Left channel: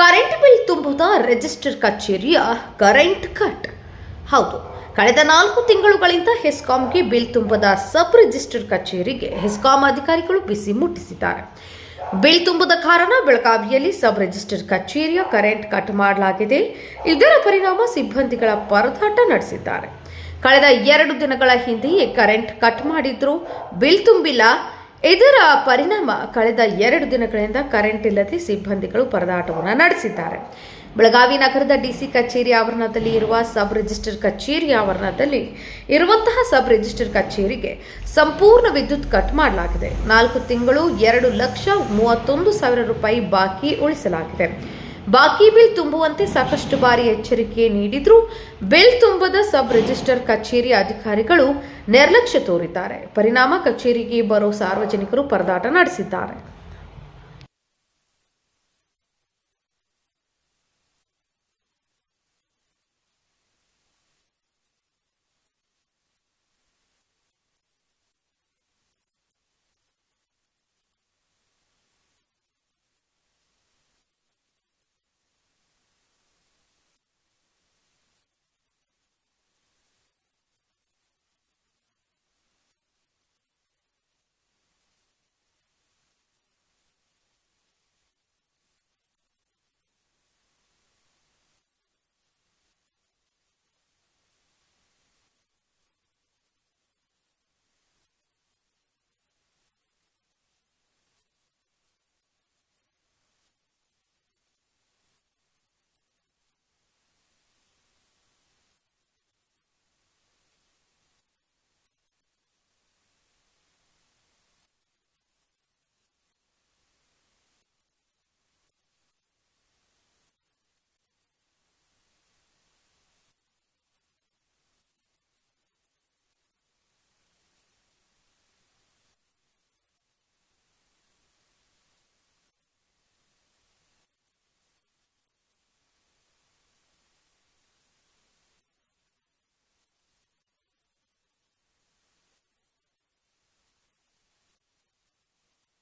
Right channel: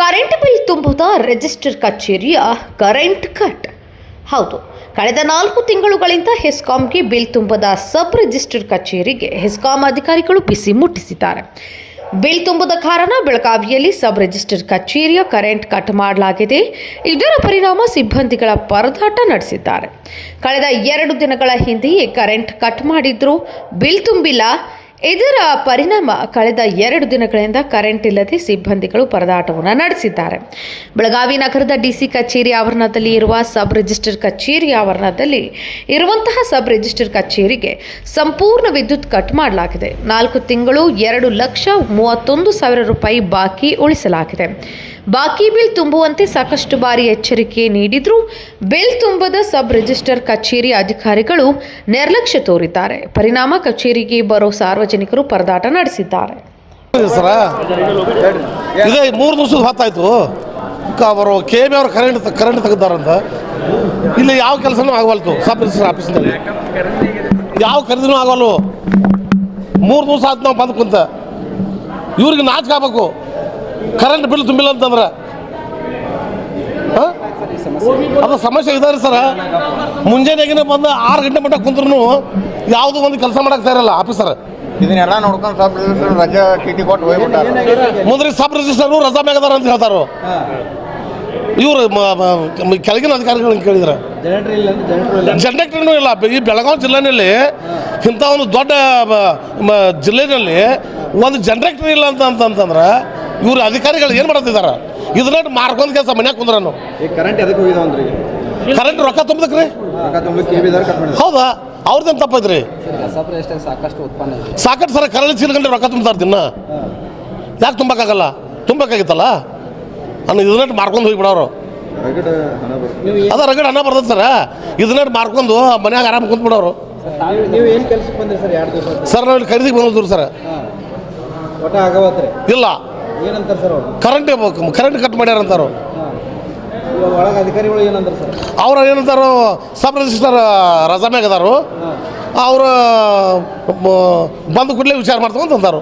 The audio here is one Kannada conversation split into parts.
ಕರೆಂಟ್ ಬಿಲ್ ತುಂಬುವ ರಿಜಿಸ್ಟರ್ ಕಚೇರಿಯ ಕರೆಂಟ್ ಕಟ್. ಹೌದು, ಕಳೆದ 4 ತಿಂಗಳುಗಳಿಂದ ಹೆಸ್ಕಾಂಗೆ ಬಿಲ್ ತುಂಬದ ಸಬ್ ರಿಜಿಸ್ಟರ್ ಕಚೇರಿಗೆ ಹೆಸ್ಕಾಂ ಅಧಿಕಾರಿಗಳು ಬಿಸಿ ಮುಟ್ಟಿಸಿದ್ದಾರೆ. ಬಿಲ್ ತುಂಬದ ಕಾರಣ ಬೆಳಗಾವಿಯಲ್ಲಿ ಸಬ್ ರಿಜಿಸ್ಟರ್ ಕಚೇರಿಯ ಕರೆಂಟ್ ಕಟ್ ಮಾಡಲಾಗಿದೆ. ಇದರ ಪರಿಣಾಮ ಸಿಬ್ಬಂದಿಗಳ ಪರದಾಟ ನಡೆಸಿದ್ದಾರೆ. ಕಳೆದ 2 ದಿನಗಳ ಹಿಂದೆಯೇ ಕರೆಂಟ್ ಕಟ್ ಮಾಡಿದ್ರು, ಬಿಲ್ ತುಂಬಿಲ್ಲ. ಇದರ ಪರಿಣಾಮ ಕಳೆದ 2 ದಿನಗಳಿಂದ ಕರೆಂಟ್ ಇಲ್ಲದೆ ಸಿಬ್ಬಂದಿಗಳು ಪರದಾಟವನ್ನು ನಡೆಸಿದ್ದಾರೆ. ಬೆಳಗಾವಿ ನಗರದ ಡಿಸಿ ಕಚೇರಿ ಆವರಣದಲ್ಲಿ ಇರುವ ಸಬ್ ರಿಜಿಸ್ಟರ್ ಕಚೇರಿ ಆವರಣದಲ್ಲಿ ಇರುವಂತಹ ಸಬ್ ರಿಜಿಸ್ಟರ್ ಕಚೇರಿಗೆ ಸಂಪೂರ್ಣ ವಿದ್ಯುತ್ ಕಟ್ ಮಾಡಲಾಗಿದೆ. 4 ತಿಂಗಳು 2,31,000 ರೂಪಾಯಿ ಬಾಕಿ ಉಳಿಸಲಾಗಿದೆ. ಬಾಕಿ ಬಿಲ್ ತುಂಬುವಂತೆ ಸಾಕಷ್ಟು ಬಾರಿ ಎಚ್ಚರಿಕೆ ನೀಡಿದರೂ ಬಿಲ್ ತುಂಬದ ಸಬ್ ರಿಜಿಸ್ಟರ್ ಕಚೇರಿ ಅಧಿಕಾರಿಗಳು ನಿರ್ಲಕ್ಷ್ಯ ತೋರಿದ್ದಾರೆ. ಪರಿಣಾಮ ಕಚೇರಿಗೆ ಬರೋ ಸಾರ್ವಜನಿಕರು ಪರದಾಟ ನಡೆಸಿದ್ದಾರೆ. ಇದೇ 3 ದಿವಸದ ಹೊತ್ತಾಯ್ತು. ಅವರು KB ಅವರು ಕರೆಂಟ್ ತೆಗೆದಾರಂತ. ಇಲ್ಲಿ ಯಾವ ಕೆಲಸನೂ ಆಗವಲ್ತು. ಸಬ್ ರಿಜಿಸ್ಟರ್ ಆಫೀಸ್ನಲ್ಲಿ ಯಾವ ಖರೀದಿನೂ ಆಗವಲ್ಲು. 3 ದಿವಸ ಆಯ್ತು ನಾವು ಬಂದು ಕುಂತ. ಇವ್ರಿಗೆ ನಾಚಿಕೆ ಆಗ್ಬೇಕು. ಕರೆಂಟ್ ಬಿಲ್ ತುಂಬಿಲ್ಲ ಅಂತಂದ್ರೆ ಅದು ಸಮಸ್ಯೆ ಇದಾರೆ ಸರ. ಮುಂಜಾನೆಗಿನ ಬಂದು 6 ಗಂಟೆ ಮಟ್ಟ ಕುಂತ್ರು ಯಾವುದೂ ಒಂದು ಕೆಲಸ ಮಾಡಕ್ಕೆ ಇರಲ್ಲ ಆಫೀಸರ್. ಇದನ್ನೆಲ್ಲ ನೋಡ್ಕೊಂಡು ಸಬ್ ರಿಜಿಸ್ಟರ್ ರಜೆ ಟಿ ಕೊಟ್ಟು ಹೋಗ್ಬಿಟ್ಟಾರೆ. ಮುಂದೆ ಸಬ್ ರಿಜಿಸ್ಟರು ರಜಾ ಮ್ಯಾಗದಾರ ಅಂತ ಹೇಳ್ತಾರೋ. ಇವರು ಕೆಳಗಿನ ಅಧಿಕಾರಿಗಳನ್ನ ಕೇಳಿದ್ರೆ ಜನರೇಟರ್ನೂ ಇಲ್ಲ. ಈ ಬೆಳಗಾವಿ ಜಿಲ್ಲೆಯಲ್ಲಿ ಇಂಥ ಒಂದು ದೊಡ್ಡ ಜಿಲ್ಲೆಯಲ್ಲಿ ಒಂದು ಜನರೇಟರ್ ಇಲ್ಲ ಅಂತಂದ್ರೆ ಇವ್ರು ಅಧಿಕಾರಿಗಳು ಏನು ಮಾಡ್ತಿದ್ದಾರೆ? ಇದನ್ನ ಮಾರ್ಕೊಂಡ್ ಕೆಲಸ ಮನ್ಯಾಗ ಕುಂದ್ರನು. ಕರೆಂಟ್ ಎದಕ್ಕೆ ಹೋಗಿದಾವ್ರಿ? ಕರೆಂಟ್ ರೊಕ್ಕ ತುಂಬದಕ್ರಿ. ಹೌದಾ? ಅವ್ರದ್ದೇನು ತಪ್ಪೈತ್ರಿ? ಸಾಕಷ್ಟು ಸರ ಕರಳಿ ಚೀಲ್ಗಂಡೆ ರೊಕ್ಕ ತುಂಬ್ತಾರೆ ದಿನ. ಯಾಕೆ ತುಂಬಕ್ಕಾಗಲ್ಲ? ತುಂಬಕ್ಕಾಗಿತ್ತಲ್ಲ ಇದನ್ನ ಮಾರ್ಕೊಂಡು ಹೋಗಿಬಿಡೋರು. ಅದ ರಗಡ್ ಹಣ ಬರ್ತದೆ ಸರ. ಇದನ್ನ ಮಾರ್ಕೊಂಡು ಮನ್ಯಾಗ ಆರಾಮ್ ಕುಂತ್ಬಿಡೋರು. ಸರ್ ನಾವು ಖರೀದಿಗೆ ಬಂದಿದ್ರು ಸರ್. ಇಲ್ಲ ಕರೆಂಟ್ ಕಟ್ ಮಾಡ್ಯಾರ ಅಂತಾರೋ. ಅಧಿಕಾರಿಗಳು ಏನಂತಾರೆ ಸರ್? ಅವ್ರು ಏನಂತಾರೋ ಸಬ್ ರಿಜಿಸ್ಟರ್ ರಜಾ ಮ್ಯಾಗ ಅದಾರು. ಅವರು ಬಂದು ಕೂಡಲೇ ವಿಚಾರ ಮಾಡ್ತಂತ ಅಂತಾರು.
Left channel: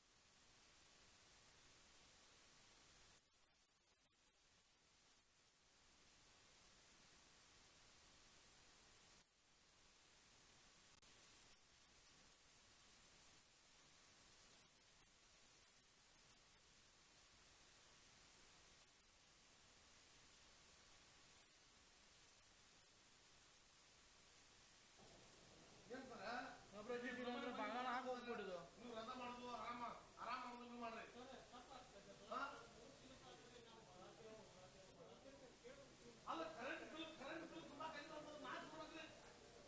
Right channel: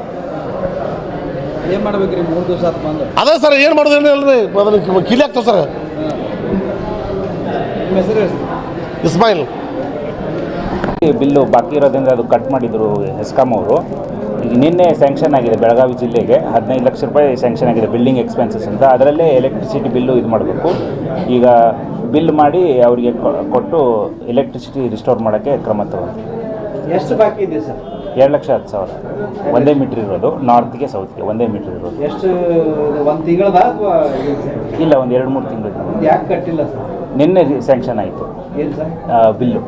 ಏನು ಮಾಡ್ಬೇಕ್ರಿ? 3 ದಿವಸ ಆತು ಬಂದು. ಅದೇ ಸರ್ ಏನು ಮಾಡೋದು ಏನಿಲ್ಲ ರೀ. ಅದನ್ನು ಕೀಲಿ ಆಗ್ತದೆ ಸರ್. ಇಸ್ಮಾಯಿಲ್ ಬಿಲ್ಲು ಬಾಕಿ ಇರೋದ್ರಿಂದ ಅದು ಕಟ್ ಮಾಡಿದರು ಹೆಸ್ಕಾಂ ಅವರು. ಈಗ ನಿನ್ನೆ ಸ್ಯಾಂಕ್ಷನ್ ಆಗಿದೆ ಬೆಳಗಾವಿ ಜಿಲ್ಲೆಗೆ 15 ಲಕ್ಷ ರೂಪಾಯಿ ಸ್ಯಾಂಕ್ಷನ್ ಆಗಿದೆ ಬಿಲ್ಡಿಂಗ್ ಎಕ್ಸ್ಪೆನ್ಸಸ್ ಅಂತ. ಅದರಲ್ಲೇ ಎಲೆಕ್ಟ್ರಿಸಿಟಿ ಬಿಲ್ಲು ಇದು ಮಾಡಬೇಕು. ಈಗ ಬಿಲ್ ಮಾಡಿ ಅವರಿಗೆ ಕೊಟ್ಟು ಎಲೆಕ್ಟ್ರಿಸಿಟಿ ರಿಸ್ಟೋರ್ ಮಾಡೋಕ್ಕೆ ಕ್ರಮ ತಗೊಂಡು. ಎಷ್ಟು ಬಾಕಿ ಇದೆ ಸರ್? 2,10,000 ಒಂದೇ ಮೀಟ್ರ್ ಇರೋದು. ನಾರ್ತ್ಗೆ ಸೌತ್ಗೆ ಒಂದೇ ಮೀಟ್ರ್ ಇರೋದು. ಎಷ್ಟು? 1 ತಿಂಗಳದ ಅಥವಾ ಇಲ್ಲ, ಒಂದು 2-3 ತಿಂಗಳು. ಯಾಕೆ ಕಟ್ಟಿಲ್ಲ ಸರ್? ನಿನ್ನೆ ಸ್ಯಾಂಕ್ಷನ್ ಆಯಿತು ಏನು ಸರ್ ಬಿಲ್ಲು.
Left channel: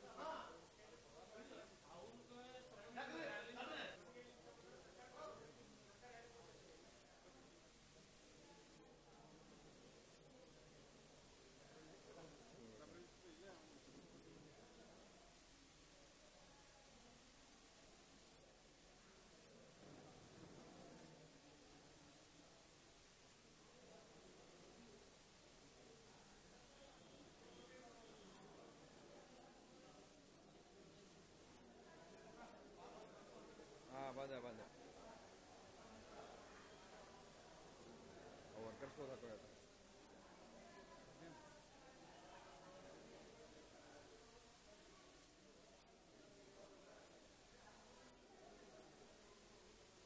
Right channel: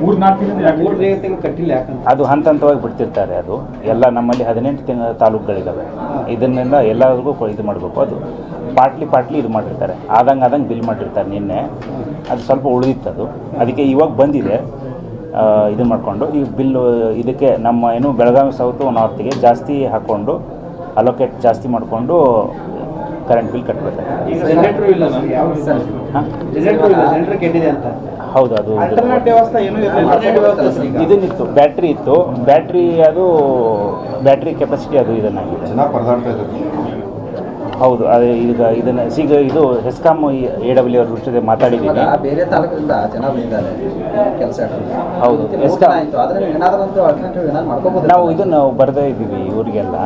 3-4 ತಿಂಗಳು ಕಟ್ಟಿಲ್ಲ. ಯಾಕಂತ ಅದು ಹಂತವಾಗಿ ಬಿಡ್ತಿರ್ತಾರೆ. ಅದು ಎಲ್ಲ ನಮ್ಮಲ್ಲಿ 18 ತಾಲೂಕುಗಳಿದ್ದಾವೆ. ಇದನ್ನೆಲ್ಲ ಎಲ್ಲರಿಗೂ ಇದು ಮಾಡಬೇಕು. ಅದು ಪಾಟ್ಲಿ ಇದು ಮಾಡಿರ್ತಾರೆ. ಆದಂಗೆ ಬಿಲ್ ಮಾಡಿರ್ತಾರೆ. ನಿನ್ನೆ ಅದು ಸ್ವಲ್ಪ ಉಳಿದಿತ್ತು. ಅದು ಅದಕ್ಕೆ ಇವಾಗ ಬಂದಿದೆ. ಇದು ಮಾಡಿಕೊಂಡು ಈ ಬಿಲ್ಲು ಇದಕ್ಕೆ ನಮ್ಮ ಏನು ಬೆಳಗಾವಿ ಸೌತು ನಾರ್ತಿಗೆ ಜಾಸ್ತಿ ಹಾಕ್ಕೊಂಡು ಅಲೋಕೇಟ್ ಜಾಸ್ತಿ ಮಾಡಿಕೊಂಡು ಕರೆಂಟ್ ಬಿಲ್ ಕಟ್ಟಬೇಕು. ಹೌದು, ಅದು ಇದನ್ನಿತ್ತು. ಬ್ಯಾಟ್ರಿ ಇತ್ತು. ಬ್ಯಾಟ್ರಿ ಕೆಪಾಸಿಟಿ ಅದು ಇದನ್ನಾಗಿದೆ. ಹೌದು, ಅದೇ ಈಗ ಇದನ್ನು ಇದು ಹೆಸ್ಕಾಂ AW ಅವ್ರ ಜೊತೆ ಮಾತಾಡಿದ್ದೀನಿ. ಬೇರೆ ತಾಲೂಕಿಂದ ಜನ ಬಂದಿದ್ದಾರೆ ಕೆಲಸ. ಹೌದು, ಹೆಸ್ಕಾಂ ನಾವು ಇದನ್ನು ಬರೆದೇ ಇದ್ದೀವಿ ಇವರಿಗೆಲ್ಲ.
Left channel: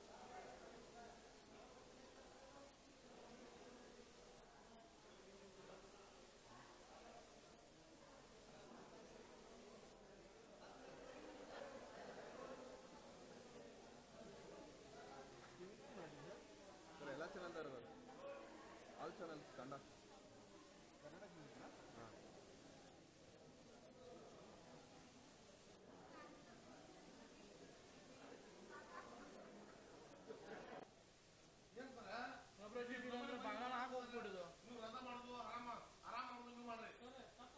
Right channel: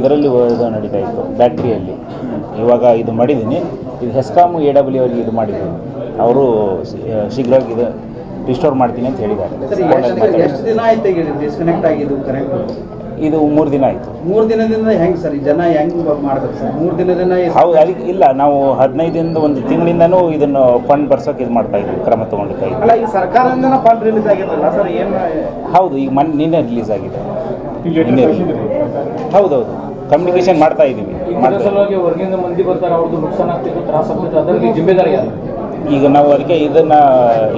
ಇದರಲ್ಲಿ ನಡೀತಾ ಇತ್ತು ಬ್ಯಾಟ್ರಿಯಲ್ಲಿ. ಇವಾಗ ಇದು ಮಾಡಿದ್ದೀನಿ. ಇದು ಹೆಸ್ಕಾಂ AW ಅವರಿಗೆ ಇದು ಮಾಡಿದ್ದೀನಿ. ಅವರು ಶೀಘ್ರವಾಗಿ ಇದು ರಿಸ್ಟೋರ್ ಮಾಡ್ತೀನಿ ಅಂತ ಹೇಳಿದ್ದಾರೆ. ಎಷ್ಟು ದಿನ ಆಯ್ತು ಡಿಸ್ಕನೆಕ್ಟ್ ಆಗಿದ್ದು ಕರೆಂಟ್? ಇದು 3 ದಿನ ಆಯಿತು. 3 ದಿನದಿಂದ ಹೆಂಗೆ ಸರ್? ಜನ ಹೆಂಗೆ ಮಾಡ್ಬೇಕು ಸರ್? 3 ದಿನದಿಂದ ಹೌದು, ಅದಕ್ಕೆ ಇಲ್ಲ, ನಾವು 15 1 ತಿಂಗಳಿಂದನೂ ಇದನ್ನು ಫಂಡ್ ಬರ್ಸೋಕೆ ಇದು ಮಾಡ್ತಾ ಇದ್ವಿ, ಕ್ರಮ ತೊಗೊಂಡಿರ್ತಾ ಇದ್ವಿ. ಅಲ್ಲ, ಈ ಸರ್ಕಾರದಿಂದ ಫಂಡ್ ರಿಲೀಸ್ ಆಗಿರಲ್ಲ ಸರ್? ಏನು? ಹೌದು, ಈಗ ನಿನ್ನೆ ರಿಲೀಸ್ ಆಗಿದೆ. ಹೌದೌದು, ಕಮ್ಯುನಿಕೇಶನ್ ಮಾಡ್ತಾ ಇದ್ದೀವಿ. ಹೊರಗಿಂದ ಮಂದಿ ಬರ್ತಾರೆ, ಅವ್ರದ್ದು ನುಕ್ಸಾನ ಆಗ್ತಿತ್ತು, ತ್ರಾಸ ಆಗ್ತಿತ್ತು, ಅದರಲ್ಲಿ ಜಿಮ್ಮೆದಾರಿ ಯಾರು? ಈಗ ನಾವು ಅದಕ್ಕೆ ಇದನ್ನು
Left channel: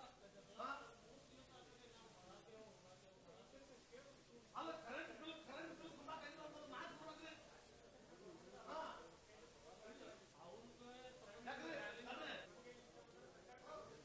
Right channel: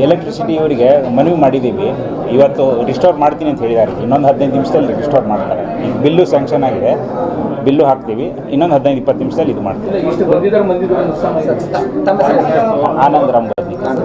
ಎಲೆಕ್ಟ್ರಿಸಿಟಿ ಅವರಿಗೆ ಮನವಿ ಮಾಡಿದ್ದೀವಿ. ಇವತ್ತು ರಿಸ್ಟೋರ್ ಮಾಡ್ತೀನಿ ಅಂತ ಹೇಳಿದ್ದಾರೆ. ಇನ್ನೊಂದು 15 ನಿಮಿಷದಲ್ಲಿ ರಿಸ್ಟೋರ್ ಮಾಡ್ತಾರೆ. ಈಗ ಬಿಲ್ಲು ಸ್ಯಾಂಕ್ಷನ್ ಆಗಿದೆ, ಬಿಲ್ಲು ಹಾಕ್ತೀವಿ. ಇನ್ನೊಂದು 15-20 ನಿಮಿಷದಲ್ಲಿ ಇದು ಮಾಡ್ತೀವಿ. ಇಷ್ಟು ಬಂದಿದ್ದಾರೆ ಆನಂದ್ ರಾಮ್ ಬಂದಿದ್ದಾರೆ.